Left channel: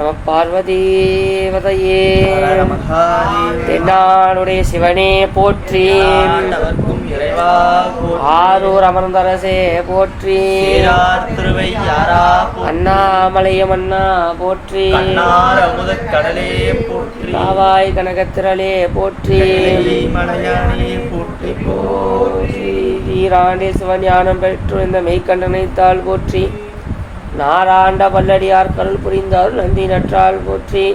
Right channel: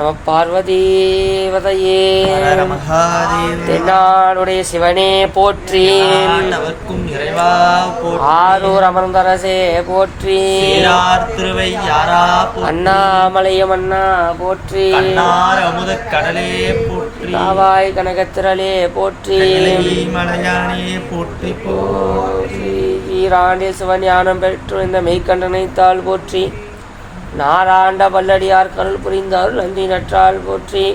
நம பார்வதீவதையே. தென்னாடுடைய சிவனே போற்றி. ஆரூர் அமர்ந்தரசே போற்றி. அண்ணாமலையம் அண்ணா போற்றி. கண்ணார் அமுத கடலே போற்றி. காவாய் கனகத்திரளே போற்றி. போற்றி. போற்றி. ஈராண்டில் சிவஞானம் பெற்று இந்த மெய்க்கண்டனை தாள் போற்றி. நாராண்ட வல்லடியார் கருள் புரிந்தார் நந்தி நற்றாள் போற்றி.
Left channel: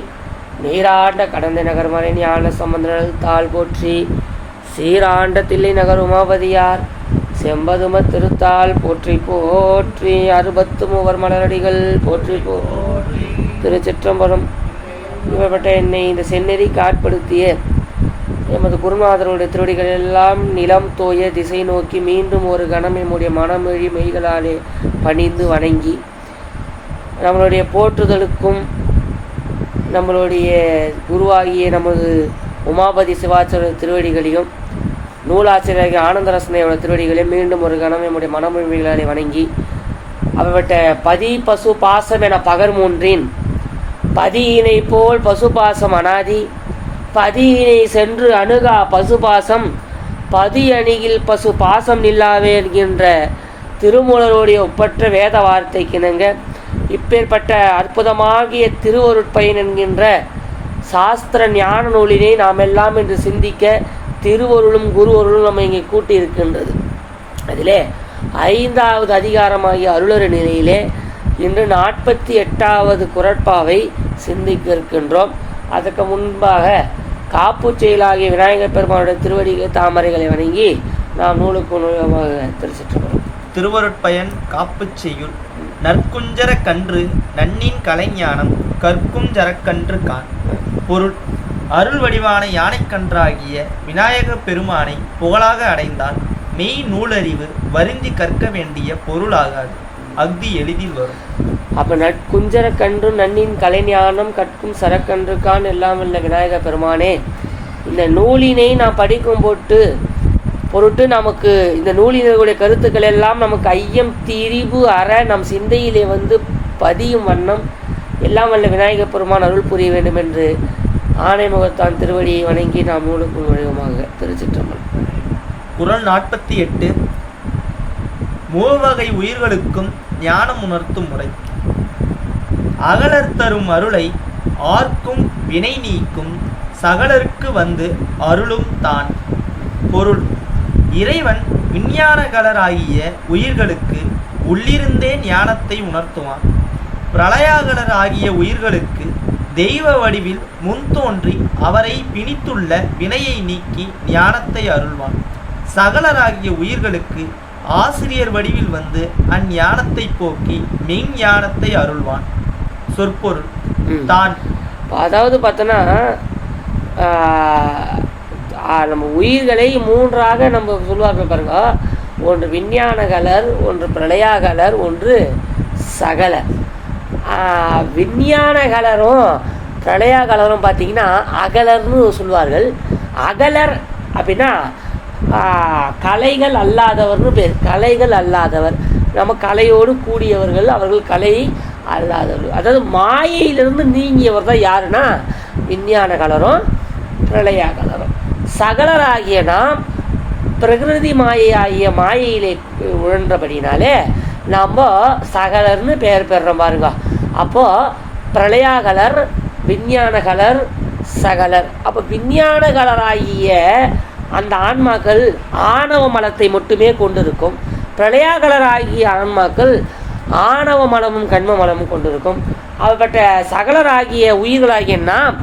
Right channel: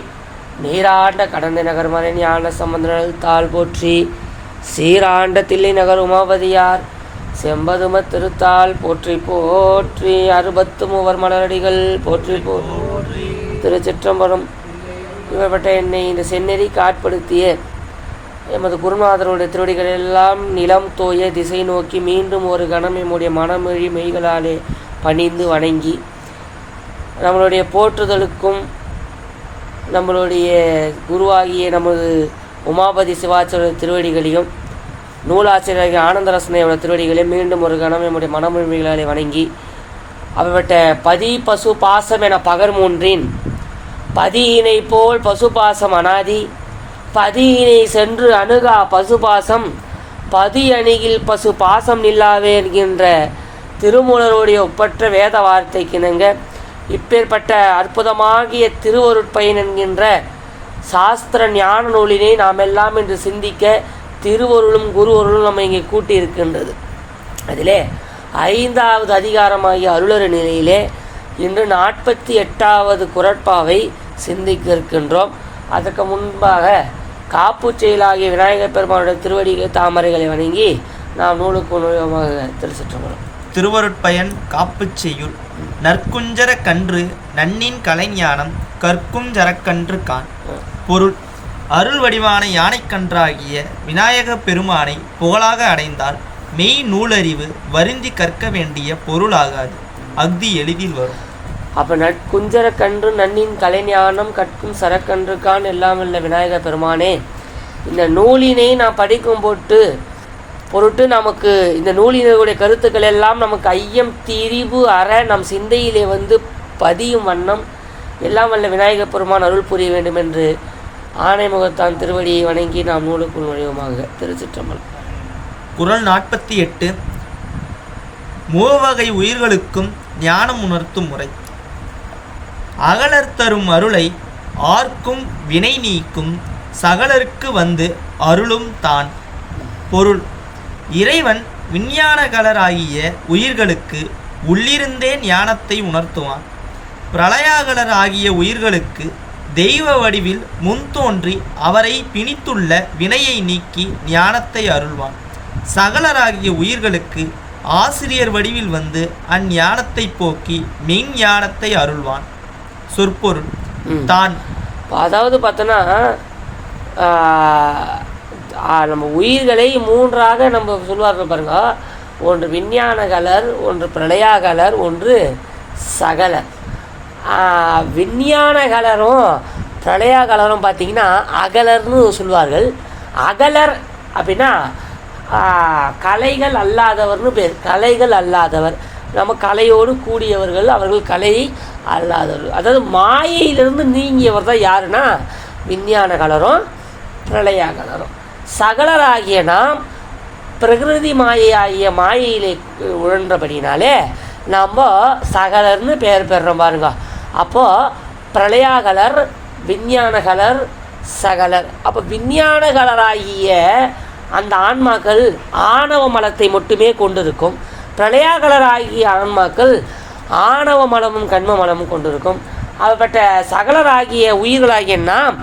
நீராண்ட கடந்த நகர் மறை ஞான சம்பந்தனல் தாள் போற்றி. சீராண்ட தில்லை நகர் உமாபதியார் செம்பதும திருத்தாள் போற்றி போற்றி. அறுபத்து மூவர் மலரடிகள் போற்றி போற்றி திருச்சிற்றம்பரம். இவப்பட்ட என்னை இந்த செந்நெறி காட்படுத்திய எமது குருநாதருடைய திருவடிகள் எல்லாம் நிலம் தோய திசை நோக்கி மீண்டும் ஒரு கணம் எம்முடைய மனமொழி மெய்களாலே பணிந்து வணங்கி நம்மளுடைய போற்றுதலுக்கும் நம்மளுடைய குருவாகிய நமது உமாபதி சிவாச்சாரிய திருவடிகளையும் நூலாசிரியர் ஆனந்தரசனையோட திருவடிகளையும் மீண்டும் ஒரு கணம் நம்முடைய மனமுரிமைகளை வணங்கி அவர்கிட்ட பதி பசு பாசம் என பகர் மூன்றின் பதியினை போல் பசுபாசம் அனாதி பதியினை சென்று அணுகா பசுபாசம் பதி அணிகில் பசு பாசம் நில்லாவே என்கின்ற திருமூலருடைய ஒப்பற்ற வேத வார்த்தைக்கிணங்க இப்பேற்பட்ட அற்புதமாகிய திருவருட்பயன் என்கின்ற சாஸ்திர ஞான நூலினை நாம் எல்லாம் இன்று சிந்திக்க திருவருளும் குருவருளும் நம்ம இங்கே கூட்டி இருக்கின்றது அதிலே ஐந்தாவது அதிகாரமாகிய அருளர் நிலையிலே இன்று நாற்பத்தி எட்டாவது குரட்பாவை சிந்திக்க இருக்கின்றோம். அதற்கு முன்பாக காப்பு செயலாகிய விநாயகர் பெருமானுடைய திருவடிகள் தாமரைகளை வணங்கி நாம் நூலுக்கு நூலமாக தெரிசிட்டுக்கிறோம் திருவருட்பயன் காப்புச் செய்யுள் நற்குஞ்சர கன்று நன்னின் கலைஞானம் கற்கும் ஜரக்கன்று கான். பொருள். அருள் வடிவான யானைக்கன்றாகிய விநாயகப் பெருமானை புகழாக அடைந்தால் மெய் நூலறிவு வருந்தி கற்க வேண்டிய பொருளாகாது. அஃதி எளிதில் வரும். அப்போ நற்குஞ்சர கன்று நன்னின் கலைஞானம் கற்கும் சரக்கன்றுக்கான் எல்லாம் இல்லை விநாயகர் பெருமானே இந்த நூலினை நான் படிக்கும் போட்டு பொருட்டு நமக்கு இந்த நூலினருடைய கருத்துக்கள் எல்லாம் நமக்கு ஐயம் திரிவு அற நம் சிந்தையிலே வந்து பதியும் வண்ணம் எல்லாம் வல்ல விநாயகப் பெருமான் அருள் புரிய வேண்டும் என்று ஆணைமுகத்தான் திருவடியை வணங்கி நாம் நூலுக்குள் நுழைவுமாக. திருச்சிற்றம்பலம். குரல் நாற்பத்தி எட்டு. மூவகை உயிர்களுக்கும் ஞானம் உணர்த்தும் முறை. அகலர் தரும் அருளை ஆர்க்கும் வினை நீக்கும் சகலருக்கு வந்து அருளும் தான். பொருள் இறைவன் விஞ்ஞானகலராகிய உயிர்களுக்கு உள்ளிருந்தே ஞானத்தை உணர்த்துவான். பிரளயாகலர் ஆகிய உயிர்களுக்கு தெய்வ வடிவில் முன்தோன்றி அவரை பிணித்துள்ள வினையை நீக்கி ஞானத்தை அருள்வான். சகலராகிய உயிர்களுக்கு ஆசிரியர் வடிவில் வந்து அஞ்ஞானத்தை போக்கி மெய்ஞானத்தை அருள்வான். சொற்பொருள். தான். அதாவது பார்த்தோன்னா நம்ம உயிர்களை மூன்றாக நம்ம சொல்லுவார்கள் பாருங்க. ஒன்று விஞ்ஞான கலர் ஒன்று பிரளயாகலர் ஒன்று சகலர். விஞ்ஞான கலரும் பிரளயாகலரும் பார்த்தீங்கன்னா அகலர்னு சொல்லுவார்கள். அகலர் அப்படின்னா கலைகள் அல்லாதவர்னு பேர். கலைகள் அல்லாதவர். நம்ம கலையோடு கூடியவர்கள் அவர்கள் கலை அல்லாதவர்கள். அதாவது மாயையிலிருந்து நீங்கியவர் தான் யாருன்னா? விஞ்ஞான கலரும் பிரளயா கலரும் சகலராகிய நாம் பிரகிருதி மாயையாகிய மாயையிலே உழன்றபடினாலே நம்ம சகலர்னு பெயர் பெறுறோம் பாருங்க. அப்போது பிரளயாகலர் விஞ்ஞானகலர் சகலர். அப்போ விஞ்ஞானகலராகிய அந்த ஆன்மாக்கள் ஆணவ மலத்தை மட்டுமே கொண்டிருக்கும். பிரளயாகலராகிய ஆன்மாக்கள் ஆணவ மலமும் கண்ம மலமும் கொண்டிருக்கும். அப்படிப்பட்ட சகலராகிய உயிர்களாகிய நாம்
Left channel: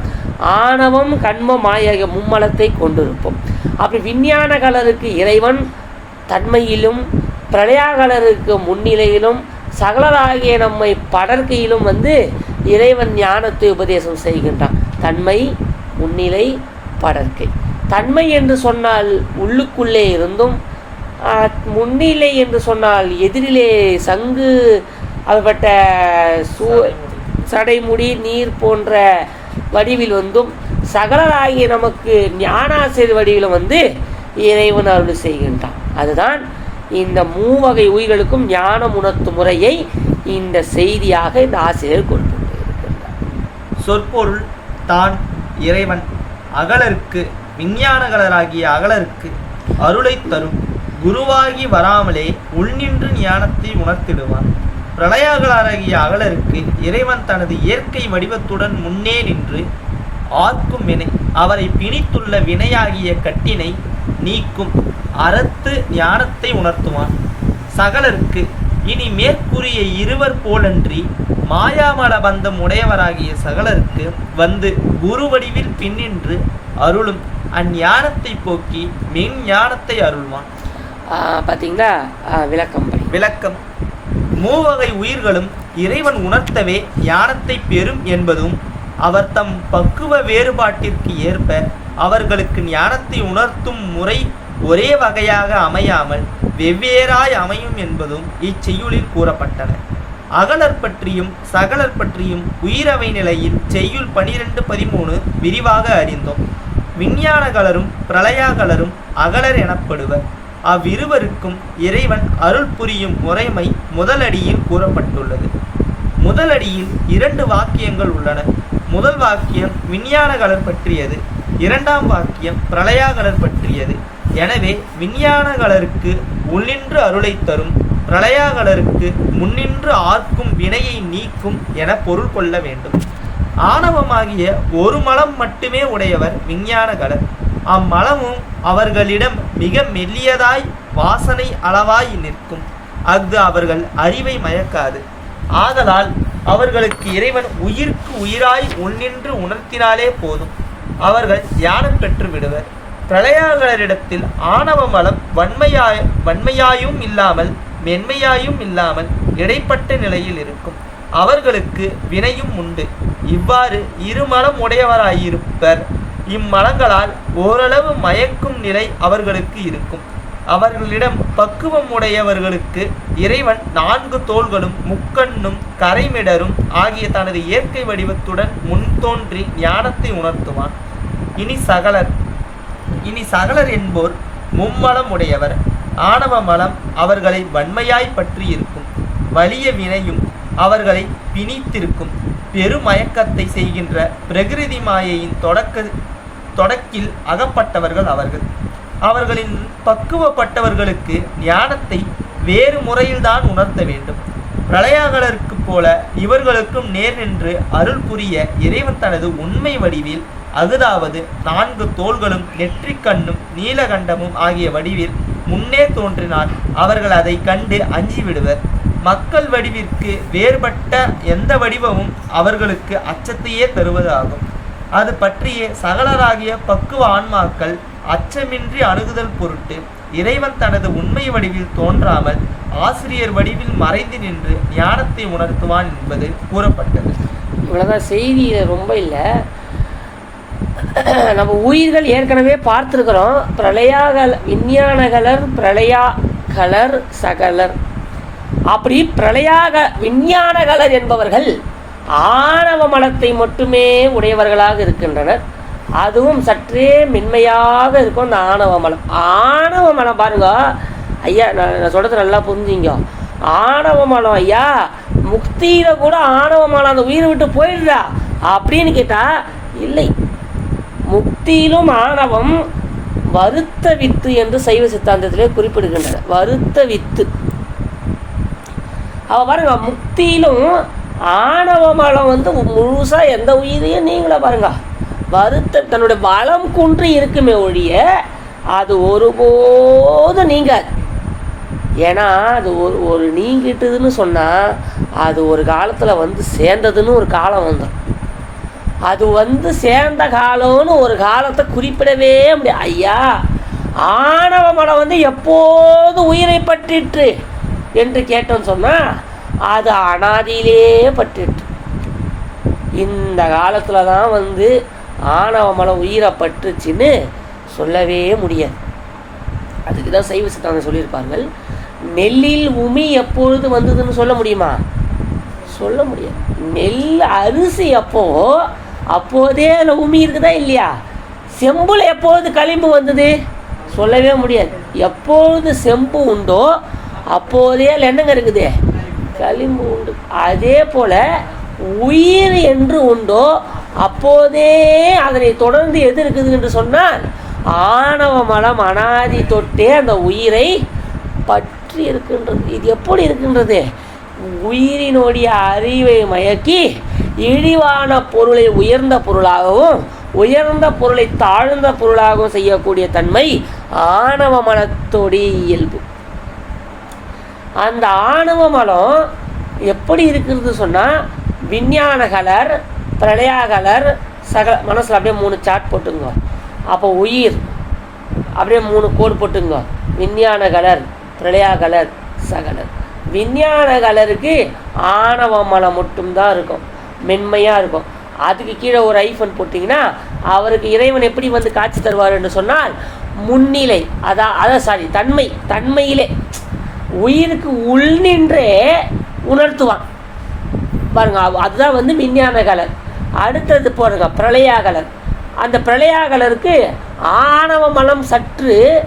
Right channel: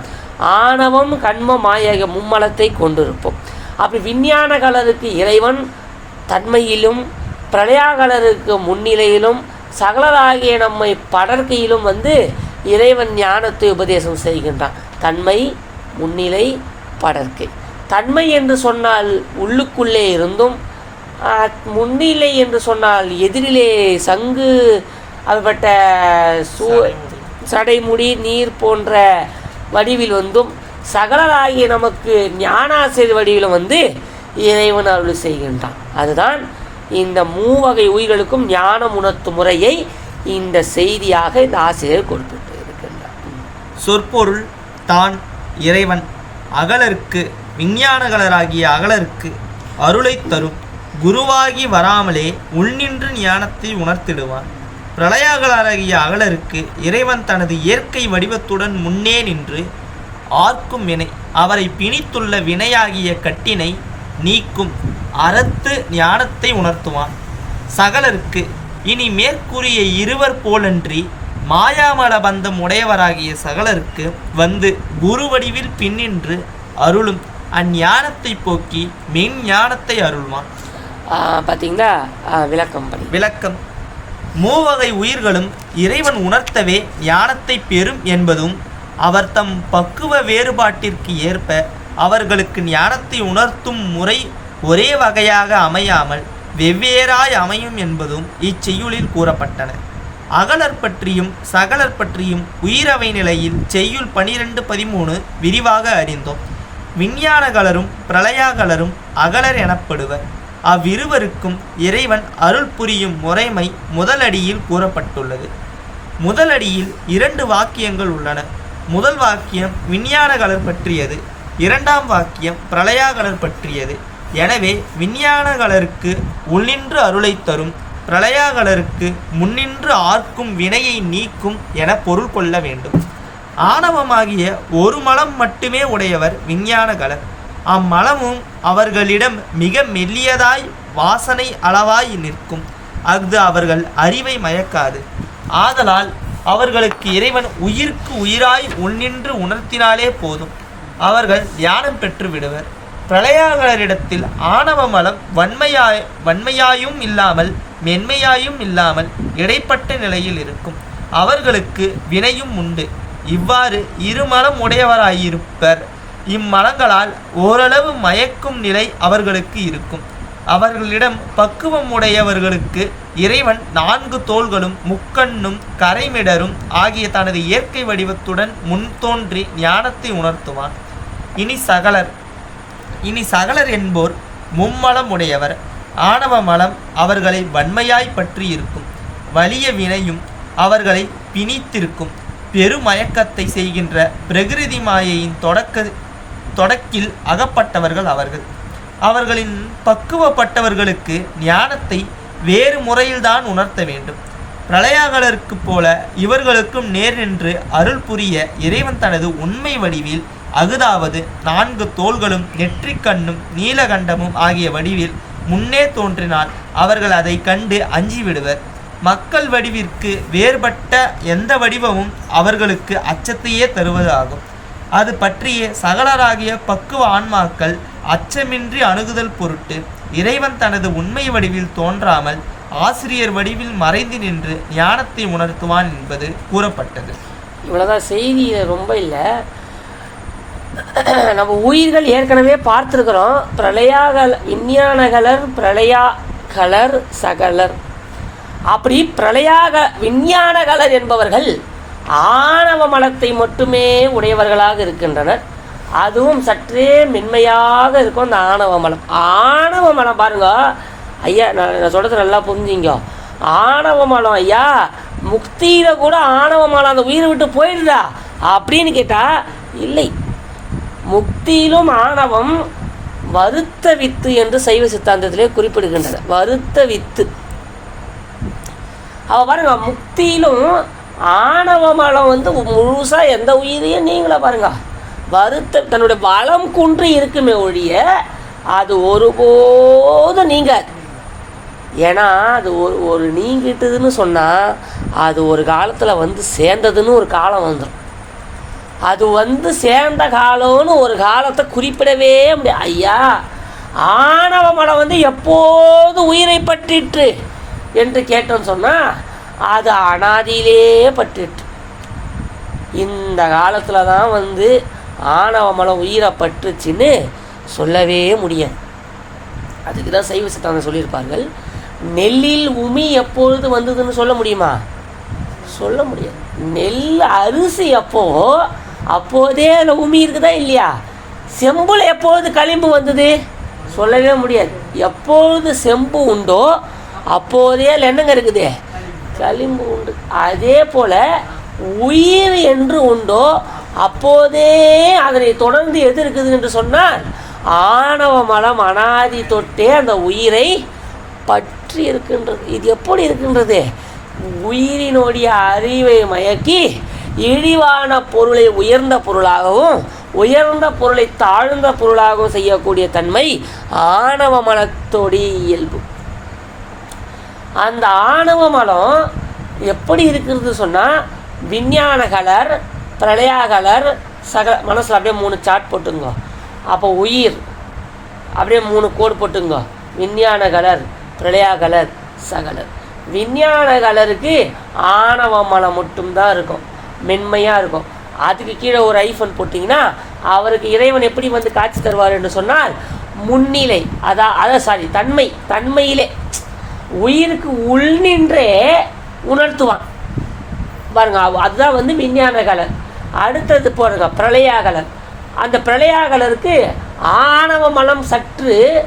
ஆணவம் கண்மம் ஆகிய மும்மலத்தை கொண்டிருப்போம். அப்படி விஞ்ஞான கலருக்கு இறைவன் தன்மையிலும் பிரளயாகலருக்கு முன்னிலையிலும் சகலராகிய நம்மை படர்க்கையிலும் வந்து இறைவன் ஞானத்தை உபதேசம் செய்கின்றான். தன்மை முன்னிலை படர்க்கை. தன்மை என்று சொன்னால் உள்ளுக்குள்ளே இருந்தும் முன்னிலை என்று சொன்னால் எதிரிலே சங்கு அதுபட்ட சூ சடைமுடி நீர் போன்ற வடிவில் வந்தும் சகலராகிய நமக்கு ஞானாசிரியர் வடிவில் வந்து இறைவன் அருள் செய்கின்றான். அதுதான் இந்த மூவகை உயிர்களுக்கும் ஞானம் உணர்த்தும் முறையை இந்த செய்தியாக இந்த ஆசிரியர் கொண்டு இருக்கின்றார் சொற்பொருள் தான் இறைவன் அகலருக்கு விஞ்ஞானகலராகிய அகலருக்கு அருளைத் தரும் குருவாகி வராமலே உள்நின்று ஞானத்தை உணர்த்திடுவான். பிரளயாகலராகிய அகலருக்கு இறைவன் தனது இயற்கை வடிவத்துடன் முன்னே நின்று ஆர்க்கும் வினை அவரை பிணித்துள்ள வினையாகிய கட்டினை நீக்கும் அறத்து ஞானத்தை உணர்த்துவான். சகலருக்கு இனி மேற்கூறிய இருவர் போலன்றி மாயாமல பந்தம் உடையவராகிய சகலருக்கு வந்து குரு வடிவில் பின்னின்று அருளும் அஞ்ஞானத்தை போக்கி மெஞ்ஞானத்தை அருள்வான். பார்த்தீங்களா விளக்கம் விளக்கம். மூவகை உயிர்களும் இறைவன் உணர்த்தவே ஞானத்தை பெறும் என்பதும் அவர் தம் பக்குவ வேறுபாட்டிற்கு ஏற்ப அவர்களுக்கு ஞானத்தை உணர்த்தும் முறை ஒரே வகையாக அமையாமல் வெவ்வேறாய் அமையும் என்பதும் இச்செய்யுளில் கூறப்பட்டன. அகலர் பற்றியும் சகலர் பற்றியும் உயிரவை நிலையில் செய்யுள் பனிரெண்டு பதிமூணு விரிவாக அறிந்தோம். விஞ்ஞானகலரும் பிரளயாகலரும் அகலர் எனப்படுவர். அவ்விருவருக்கும் இறைவன் அருள் புரியும் முறைமை முதலடியில் கூறப்பட்டுள்ளது. முதலடியில் இரண்டு வாக்கியங்கள் உள்ளன. முதல் வாக்கியம் விஞ்ஞானகலர் பற்றியது. இரண்டாம் வாக்கியம் பிரளயாகலர் பற்றியது. எனவே விஞ்ஞானகலருக்கு உள்ளின்று அருளைத் தரும் பிரளயாகலருக்கு முன்னின்று ஆர்க்கும் வினையை நீக்கும் என பொருள் கொள்ள வேண்டும். ஆணவமாகிய ஒரு மலம் மட்டுமே உடையவர் விஞ்ஞானகலர். அம்மலமும் அவர்களிடம் மிக மெல்லியதாய் வாசனை அளவாய் நிற்கும். அஃது அவர்கள் அறிவை மயக்காது. ஆதலால் அவர்களுக்கு இறைவன் உயிர்க்கு உயிராய் உள்நின்று உணர்த்தினாலே போதும். அவர்கள் தியானம் பெற்று விடுவர். பிரளயாகரிடத்தில் ஆணவ மலம் வன்மையாய் வன்மையாயும் இல்லாமல் மென்மையாயும் இல்லாமல் இடைப்பட்ட நிலையில் இருக்கும். அவர்களுக்கு வினையும் உண்டு. இவ்வாறு இருமலம் உடையவராயிருப்பர். இம்மலங்களால் ஓரளவு மயக்கும் நிலை அவர்களுக்கு இருக்கும். அவர்களிடம் பக்குவம் உடையவர்களுக்கு இறைவன் நான்கு தோள்களும் முக்கண்ணும் கரைமிடரும் ஆகிய தனது இயற்கை வடிவத்துடன் முன் தோன்றி ஞானத்தை உணர்த்துவான். இனி சகலர் இனி சகலர் என்போர் மும்மலம் உடையவர். ஆணவ மலம் அவர்களை வன்மையாய் பற்றி இருக்கும். வலிய வினையும் அவர்களை பிணித்திருக்கும். பெருமயக்கத்தை செய்கின்ற பிரகிருதி மாயையின் தொடக்க தொடக்கில் அகப்பட்டவர்கள் அவர்கள். அவர்களின் பக்குவப்பட்டவர்களுக்கு ஞானத்தை வேறு முறையில்தான் உணர்த்த வேண்டும். பிரளயாகலருக்கு போல இவர்களுக்கும் நேர் நின்று அருள் புரிய இறைவன் தனது உண்மை வடிவில் அகுதாவது நான்கு தோள்களும் நெற்றிக்கண்ணும் நீலகண்டமும் ஆகிய வடிவில் முன்னே தோன்றினால் அவர்கள் அதை கண்டு அஞ்சிவிடுவர். மக்கள் வடிவிற்கு வேறுபட்ட எந்த வடிவமும் அவர்களுக்கு அச்சத்தையே தருவதாகும். அது பற்றிய சகலராகிய பக்குவ ஆன்மாக்கள் அச்சமின்றி அணுகுதல் பொருட்டு இறைவன் தனது உண்மை வடிவில் தோன்றாமல் ஆசிரியர் வடிவில் மறைந்து நின்று ஞானத்தை உணர்த்துவான் என்பது கூறப்பட்டது. இவ்வளோதான் செய்தி ரொம்ப இல்லை. நம்ம உயிர்கள் ஏற்கனவே பார்த்துருக்குறோம். பிரளயாகல விஞ்ஞானகலர் பிரளயாகலர் சகலர். அப்படி பிரளயாக விஞ்ஞானகலர் என்பவர்கள் ஆணவ மலத்தை மட்டுமே உடையவர்களாக இருக்கின்றனர். அதுவும் சற்றே மென்மையாக இருக்கும் அந்த ஆணவ மலம். ஆணவ மலம் பாருங்க. ஐயா நான் நான் சொல்கிறது நல்லா புரிஞ்சுங்க. ஆணவ மலம் ஐயா முக்தியில் கூட ஆணவ மலம் அந்த உயிரை விட்டு போயிடுதா அப்படின்னு கேட்டால் இல்லை. முக்தியிலும் ஆணவம் வருத்த வித்து என்று சைவ சித்தாந்தத்திலே குறிப்பிடுகின்றன. வருத்த வித்து. அவ பாருங்க முக்தியிலும் ஆணவ மலம் வந்து முழுசாக எந்த உயிரையும் நீங்களே பாருங்க. வருத்த தன்னுடைய பலம் குன்று இருக்குமே ஒழிய அது ஒருபோதும் நீங்காது. ஏன்னா அது ஒரு ஒரு நீங்கிட்டுதுன்னு சொன்னால் அது ஒரு காலத்தில் வந்து சேர்ந்ததுன்னு ஒரு காலம் வந்துடும் அது வந்து சேர்ந்த காலம்னு ஒரு காலத்தை குறிப்பிடவே முடியாது. ஐயா ஆணவ மலம் வந்து எப்போது உயிரை பற்றிற்று? என்று கேட்டோன்னு சொன்னால் அது அனாதியிலே பட்டுட்டு இந்த காலத்தில் தான் வந்து ஆணவ மலம் உயிரை பற்றுச்சுன்னு சொல்லவே முடியாது. அதுக்கு தான் சைவ சித்தாந்தம் சொல்லியிருப்பார்கள். நெல்லில் உமி எப்பொழுது வந்ததுன்னு சொல்ல முடியுமா? சொல்ல முடியாது. நெல் அரிசி அப்போ அப்போதே அதில் உமி இருக்குதா இல்லையா? செம்புல எப்போது களிம்பு வந்தது? சொல்லவே முடியாது. எப்பொழுது செம்பு உண்டோ அப்போதே அதில் என்னங்க இருக்குது. களிம்பு உண்டு அதே போல் உயிர் என்று உண்டோ அப்போதே அதனை தொடர்ந்து எது இருக்குது என்று சொன்னால் ஆணவ மலம் அனாதி தொட்டே அந்த உயிரை பற்றி இருக்கின்றது. இது எப்படி இருக்கின்றது? உயிரினுடைய அறிவை மயக்கி இழிவான பொருளை உயர்ந்த பொருளாகவும் உயர்ந்த பொருளை தாழ்ந்த பொருளாகவும் செய்யக்கூடிய தன்மை ஆணவ மனத்தோடைய இயல்பு. அந்த ஆணவ மலம் எப்படி இருக்கிறது சொன்னால் விஞ்ஞான கலர் பிரளயா கலர் சக மனசில் அப்படியே மூணு சாட் போட்டுங்க. அப்போ உயிர் அப்படியே மூணு கோடு போட்டுங்க. விஞ்ஞான கலர் பிரளயா கலர் சகலர். விஞ்ஞான கலருக்கு ஆணவ மலம் மட்டும்தான் இருக்கும். மென்மையாக இருக்கும். அதுக்கு கீழே ஒரு ஐஃபன் போட்டிங்கன்னா அவருக்கு இறைவன் எப்படி வந்து காட்சி தருவார் என்று சொன்னால் முன்னிலை அதான் அதான் சாரி தன்மை தன்மையிலே உயிருக்கு உள் நின்றே உணர்த்துவான். பாருங்க அவ- அதுதான் வந்து விஞ்ஞான கலர் அடுத்தது போடுங்க பிரளயாகலர் அந்த பிரளயாகலருக்கு ஆணவ மனம் சற்று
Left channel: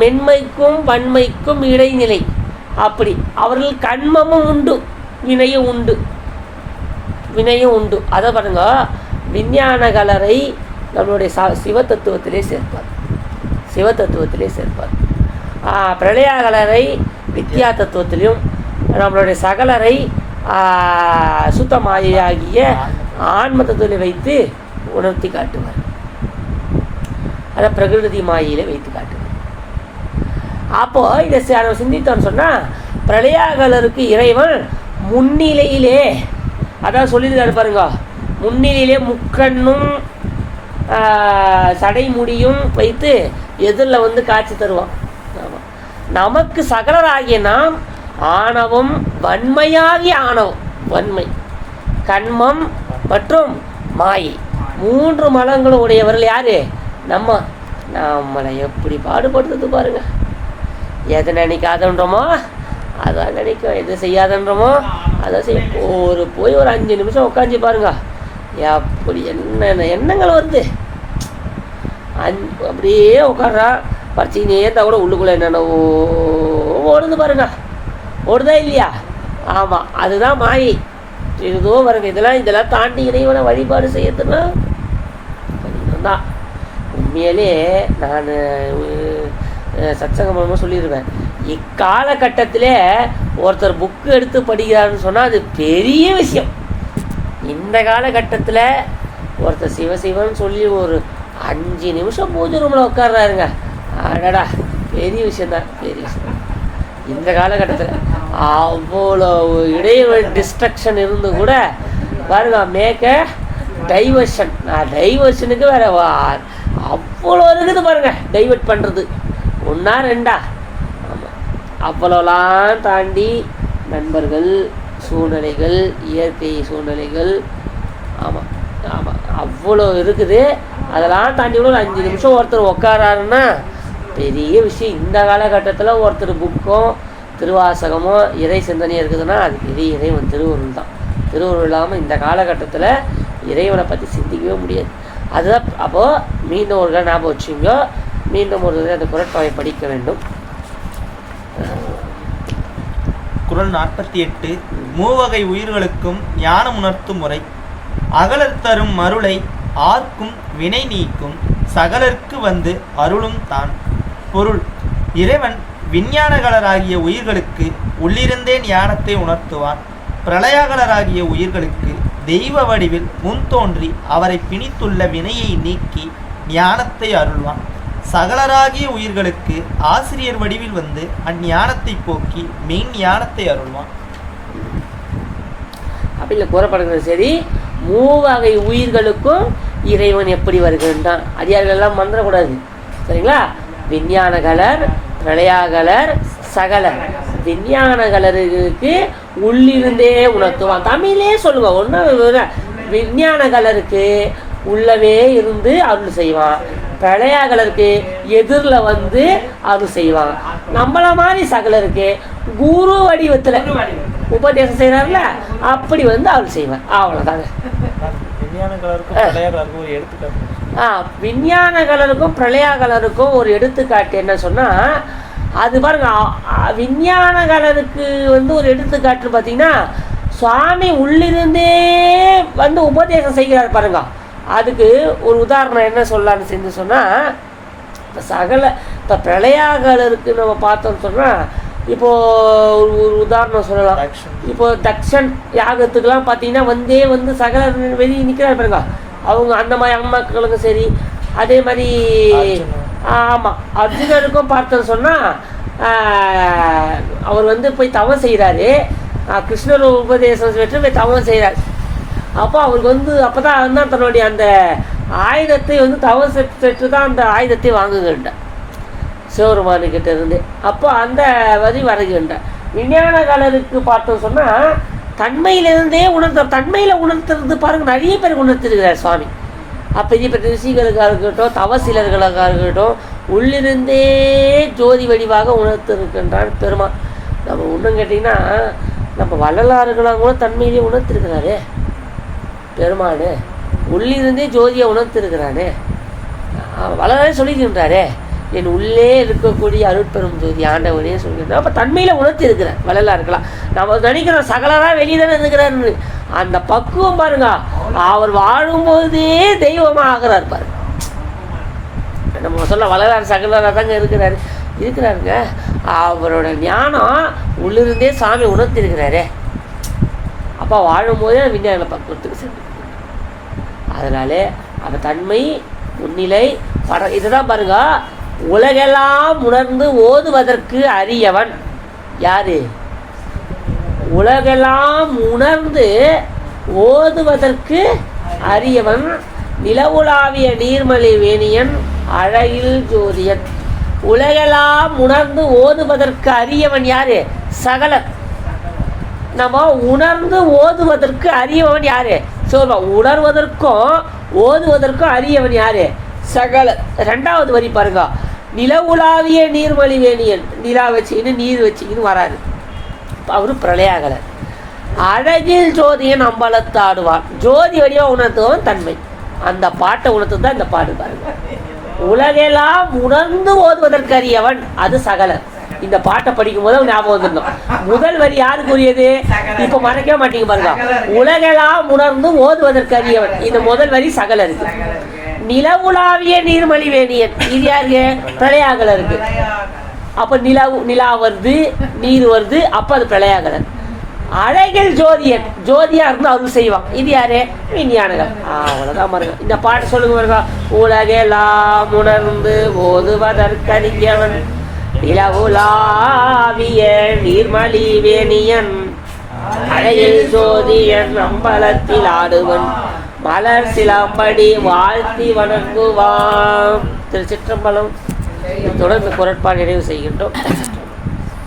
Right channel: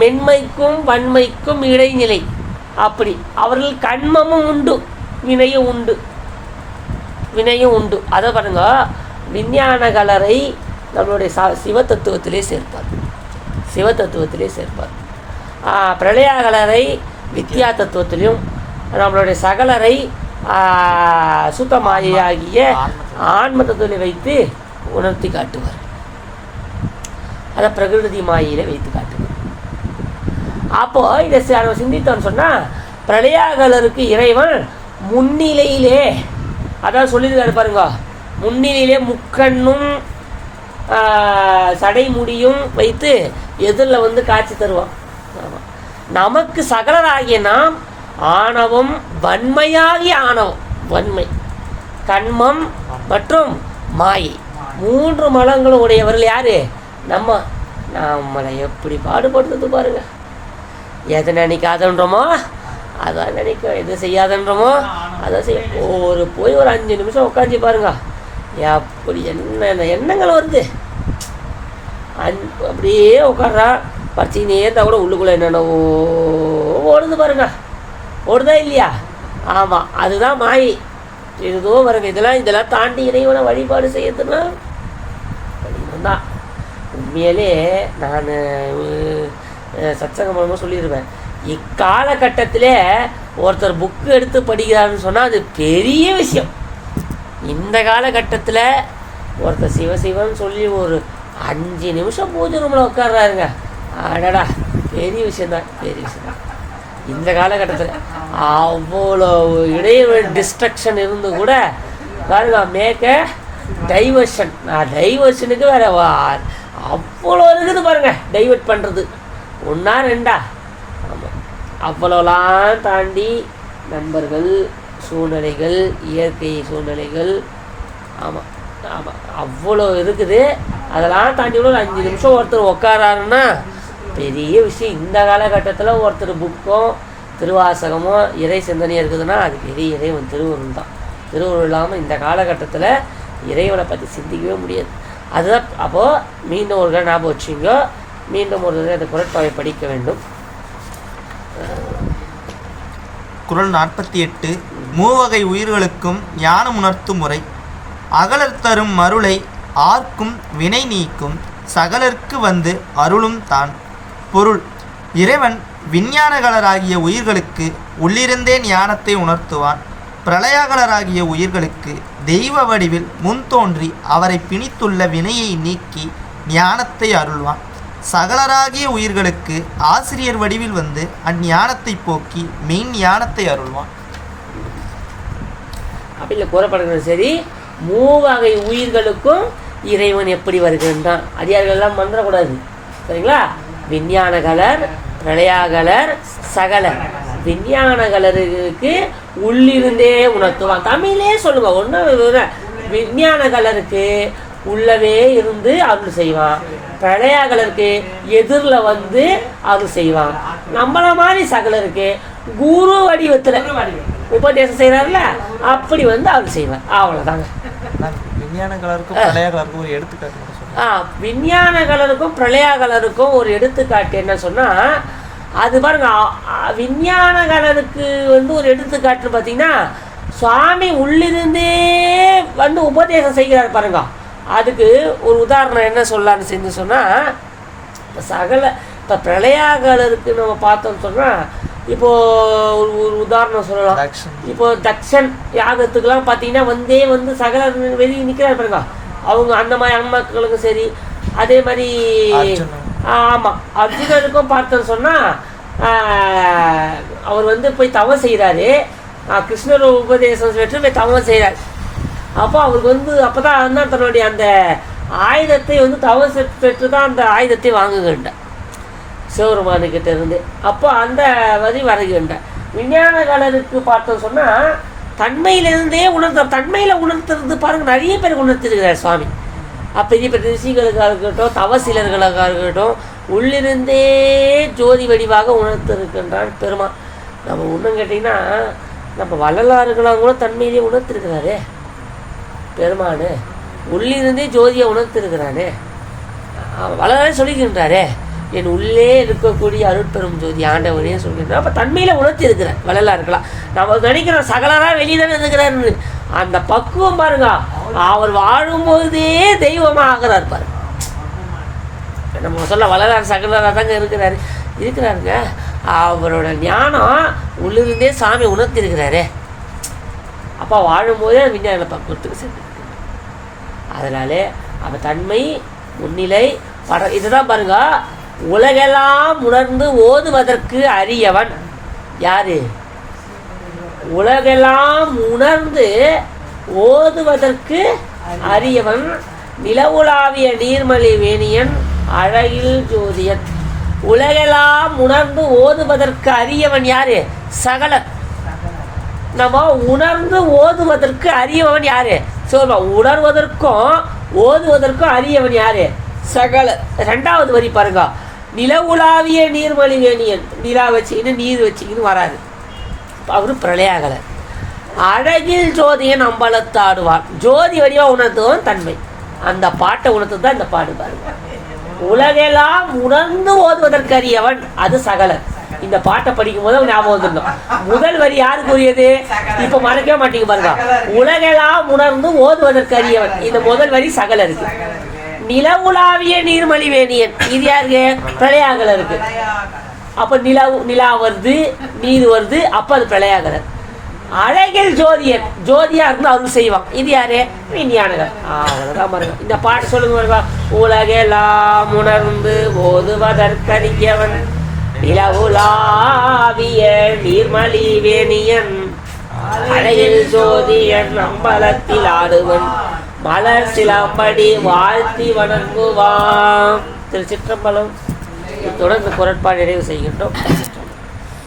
மென்மைக்கும் வன்மைக்கும் இடைநிலை. அப்படி. அவர்கள் கண்மமும் உண்டு வினையும் உண்டு. வினையும் உண்டு. அதை பாருங்க விஞ்ஞான கலரை நம்மளுடைய ச சிவதத்துவத்திலே சேர்ப்பார். சிவதத்துவத்திலே சேர்ப்பார். பிரளயாகலரை வித்யா தத்துவத்திலையும் நம்மளுடைய சகலரை சுத்த மாயையாகிய ஆன்ம தத்துவத்தில் வைத்து உணர்த்தி காட்டுவார். அதை பிரகிருதி மாயில வைத்து காட்டுவார். அப்போ இதை சி- நம்ம சிந்தித்தோம்னு சொன்னால் பிரளயாகலருக்கு இறைவன் முன்னிலையிலே அதான் சொல்லியிருக்காரு பாருங்க முன்னிலையிலே முக்கண்ணும் சடைமுடியும் வைத்து எதிரில் வந்து காட்சி தருவான். நமக்கு சகலராகிய நாம் ஆணவம் வன்மையாகிய ஆணவம் வன்மை கண்மம் மற்றும் மாயை. மூன்று மலங்களும் உடையவர்கள் யாரு? நம்ம நம்மளை எப்படி பாடுபடுறது பாருங்க. எதை நினைக்காதன்றோமோ அதை நினைக்க எது செய்யாதன்றோமோ அதை செய்ய ஒரு போய் ஒரு அஞ்சு நிமிஷம் உட்காந்து பாருங்க. எப்படி என்ன எண்ணங்கள் வருது? அஞ்சு அப்படியே உட்கார்றா. பறிச்சிங்கன்னே இருந்தால் கூட உள்ளுக்குள்ளே என்னென்னவோ ஓடுது பாருங்க. ஓடுதா இல்லையா? ஆமாம் அதுதான் மாயி. இதுதோ பாருங்க இதெல்லாம் இதெல்லாம் தாண்டி இறைவனை வழிபாடு செய்யறதுன்னா தான் உண்மையிலே நான் சத்சங்கமாக சொல்லிடுவேன் இக்காலகட்டத்திலே ஒருத்தர் புக்கு எடுத்து படிக்கிறாருன்னு சொன்னால் அது பெரிய விஷயம். இந்த காலகட்டத்தில் ஒருத்தர் சிவசிவன் சொல்லி ஒரு அஞ்சு நிமிஷம் பூஜை ரூமில் உட்கார்றாருங்க. அடடா பெரிய விஷயந்தான் பெரிய விஷயம் இந்த காலகட்டத்தில் அவ்வளோ இடைவெளி டிஸ்ட்ரக்ஷன் இருந்து கூட பாருங்க மேக்க டைவர்ஷன் நான் டைவர்ஷனுக்கு வேற அவ்வளோ இருக்குது பாருங்க டைவர்ட் பண்ணுறது ஒன்றா ரெண்டா ஆமாம் அவ்வளோலாம் தாண்டி நண்பர்கள் சூழ்நிலைகள் இயற்கை சூழ்நிலைகள் ஆமாம் ஆமாம் அவ்வளோ இருக்குது அதெல்லாம் தாண்டி கூட ஒரு அஞ்சு நிமிஷம் ஒருத்தர் உட்காராருன்னா பெரிய விஷயம். இந்த காலகட்டத்தில் ஒருத்தர் புக்கும் திருவாசகமோ இறை சிந்தனையும் இருக்குதுன்னா அது பெரிய இறைவன் திருவருள் தான். திருவருள் இல்லாமல் இந்த காலகட்டத்தில் இறைவனை பற்றி சிந்திக்கவே முடியாது. அதுதான் அப்போது மீண்டும் ஒரு தடவை ஞாபகம் வச்சுங்க மீண்டும் ஒரு தடவை அந்த குரட்பாவை படிக்க வேண்டும். குறள் நாற்பத்தி எட்டு மூவகை உயிர்களுக்கும் ஞானம் உணர்த்தும் முறை. அகலர் தரும் மருளை ஆர்க்கும் வினை நீக்கும். சகலர்க்கு வந்து அருளும் தான். பொருள். இறைவன் விஞ்ஞானகலராகிய உயிர்களுக்கு உள்ளிருந்தே ஞானத்தை உணர்த்துவான் பிரளயகலராகிய உயிர்களுக்கு தெய்வ வடிவில் முன் தோன்றி அவரை பிணித்துள்ள வினையை நீக்கி ஞானத்தை அருள்வான். சகலராகிய உயிர்களுக்கு ஆசிரியர் வடிவில் வந்து அஞ்ஞானத்தை போக்கி மெயின் ஞானத்தை அருள்வான். அப்படி இல்லை கூறப்படுகிறது சரி மூவகை உயிர்களுக்கும் இறைவன் எப்படி வருகின்றான்? அடியார்கள்லாம் மறந்துடக்கூடாது சரிங்களா? விஞ்ஞான கலர் பிரளயாகலர் சகலர். விஞ்ஞான கலருக்கு உள்ளிருந்தே உணர்த்துவான். தமிழே சொல்லுங்க ஒன்றும் விஞ்ஞான கலருக்கு உள்ளவே இருந்து அருள் செய்வான். பிரளயாகலருக்கு எதிரில் வந்து அருள் செய்வான். நம்மள மாதிரி சகலருக்கு குரு வடிவத்தில் உபதேசம் செய்கிறார்ல அப்படி வந்து அருள் செய்வான் அவ்வளோதாங்க விஞ்ஞான கலருக்கும் பிரளய கலருக்கும் ஒரு எடுத்துக்காட்டு ஆ விஞ்ஞான கலருக்கும் பிரளயா கலருக்கும் ஒரு எடுத்துக்காட்டு என்ன சொன்னால் அது பாருங்க விஞ்ஞான கலருக்கு வந்து ஒரு எடுத்துக்காட்டு பார்த்தீங்கன்னா சுவாமி உள்ளிருந்தே வந்து உபதேசம் செய்கிறார் பாருங்க. அதுக்கு ஒரு உதாரணம் என்ன சொல்லலாம்னு செஞ்சு சொன்னால் இப்போ சகல இப்போ பிரளயாகலருக்கு நம்ம பார்த்தோம்னு சொன்னால் இப்போது ஒரு ஒரு உதாரணம் சொல்லலாம். இப்போ தக்ஷன் யாகத்துக்கெல்லாம் பார்த்தீங்கன்னா வந்தே வந்து சகல வெளியே நிற்கிறார் பாருங்க. அவங்க அந்த மாதிரி அம்மாக்களுக்கும் சரி அதே மாதிரி. ஆமாம் அர்ஜுனருக்கும் பார்த்தோன்னு சொன்னால் அவர் வந்து போய் தவம் செய்கிறாரு கிருஷ்ணர் உபதேசம் பெற்று போய் தவம் செய்கிறார் அப்போ அவருக்கு வந்து அப்போ தான் தான் தன்னுடைய அந்த ஆயுதத்தை வந்து தவம் பெற்று தான் அந்த ஆயுதத்தை வாங்குகின்ற. சிவருமானுக்கிட்ட இருந்து. அப்போ அந்த வரி வருகின்ற. விஞ்ஞான காலருக்கு பார்த்தோம் சொன்னால் தன்மையிலிருந்தே உணர்த்த தன்மையில் உணர்த்துறது பாருங்கள் நிறைய பேர் உணர்த்திருக்கிறார் சுவாமி. அப்போ இது இப்போ ரிஷிகளுக்காக இருக்கட்டும் தவசிலர்களுக்காக இருக்கட்டும் உள்ளிருந்தே ஜோதி வடிவாக உணர்த்திருக்கின்றான் பெருமான் நம்ம இன்னும் கேட்டிங்கன்னா நம்ம வள்ளலாறுகளாக கூட தன்மையிலேயே உணர்த்திருக்கிறாரே. பெருமானு உள்ளிருந்தே ஜோதியை உணர்த்திருக்கிறானே. வளரே சொல்லிக்கின்றாரே என் உள்ளே இருக்கக்கூடிய அருட்பெரும் ஜோதி ஆண்டவனே சொல்லியிருந்தேன் அப்போ தன்மையில் உணர்த்தி இருக்கிறேன் வள்ளலா இருக்கலாம் நம்ம நினைக்கிறோம் சகலராக வெளியே தானே இருக்கிறாருன்னு அந்த பக்குவம் பாருங்க. அவர் வாழும்போதே தெய்வமாக ஆகிறார் பாருங்க. நம்ம சொல்ல வளரார் சகலராக தாங்க இருக்கிறாரு. இருக்கிறாருங்க. அவரோட ஞானம் உள்ளிருந்தே சாமி உணர்த்திருக்கிறாரே அப்பா வாழும்போதே விஞ்ஞான பக்குவத்துக்கு சென்று அதனாலே அந்த தன்மை முன்னிலை பர இதுதான் பாருங்க. உலகெல்லாம் உணர்ந்து ஓதுவதற்கு அரியவன். யாரு? உலகெல்லாம் உணர்ந்து ஓதுவதற்கு அரியவன். நிலவுலாவிய நீர்மலி வேணியன் அழகில் ஜோதியன். உலகெல்லாம் உணர்ந்து ஓதுவதற்கு அரியவன் யாரு? சகலன். நம்ம உணர்ந்து ஓதுவதற்கு அரியவன் யாரு? சோ உணர்வதற்கும் ஓதுவதற்கும் அரியவன் யாரு? சகல ரெண்டாவது வரி பாருங்க. நிலவுலாவிய நீர்மொழி வேணியன் நிலா வச்சுக்கின்னு நீர் வச்சுக்கின்னு வராது அவரும் பிரளயாகலர் அழகில் ஜோதியின் அம்பலத்தாடுவான் ஜோதி வழியாக உணர்த்துவன் தன்மை. அந்த பாட்டை உணர்த்து தான் இந்த பாட்டு பாருங்க. உலகெல்லாம் உணர்ந்து ஓதுவதற்கரியவன் அது சகலன். இந்த பாட்டை படிக்கும் போது ஞாபகம் வந்துடணும். முதல் வரி யாருக்குரியது இப்ப மறக்கவே மாட்டேங்க பாருங்க. உலகெல்லாம் உணர்ந்து ஓதுவதற்கு அறியவன் இந்த முதல் வரி சகல இருக்கு நிலவுலாவிய நீர்மலி வேணியன் இது யாருக்கு பிரளயாகலருக்கு. அப்போ அப்ப நிலா நிலா வருது நீர் வருது அப்ப அது பிரளயாகலர் அழகில் ஜோதியன். ஜோதியா இருந்து அருள் செய்வான். இது யாரு? விஞ்ஞானகர் அவ்வளவுதான் மருகம் இந்த பாட்டு சொல்லுங்க மருகம் உலகெல்லாம் உணர்ந்து ஓதுவதற்கறிஞவன் நிலவுலாவிய நீர்மலி வேணியன் அழகில் ஜோதியன் அம்பலத்தில் ஆடுவன். மலர் சிலம்படி வாழ்த்தி வணங்குவான் திரு சிற்றம்பலம் இத்துடன் இந்த குரட்பாடு நிறைவு செய்கின்றோம்.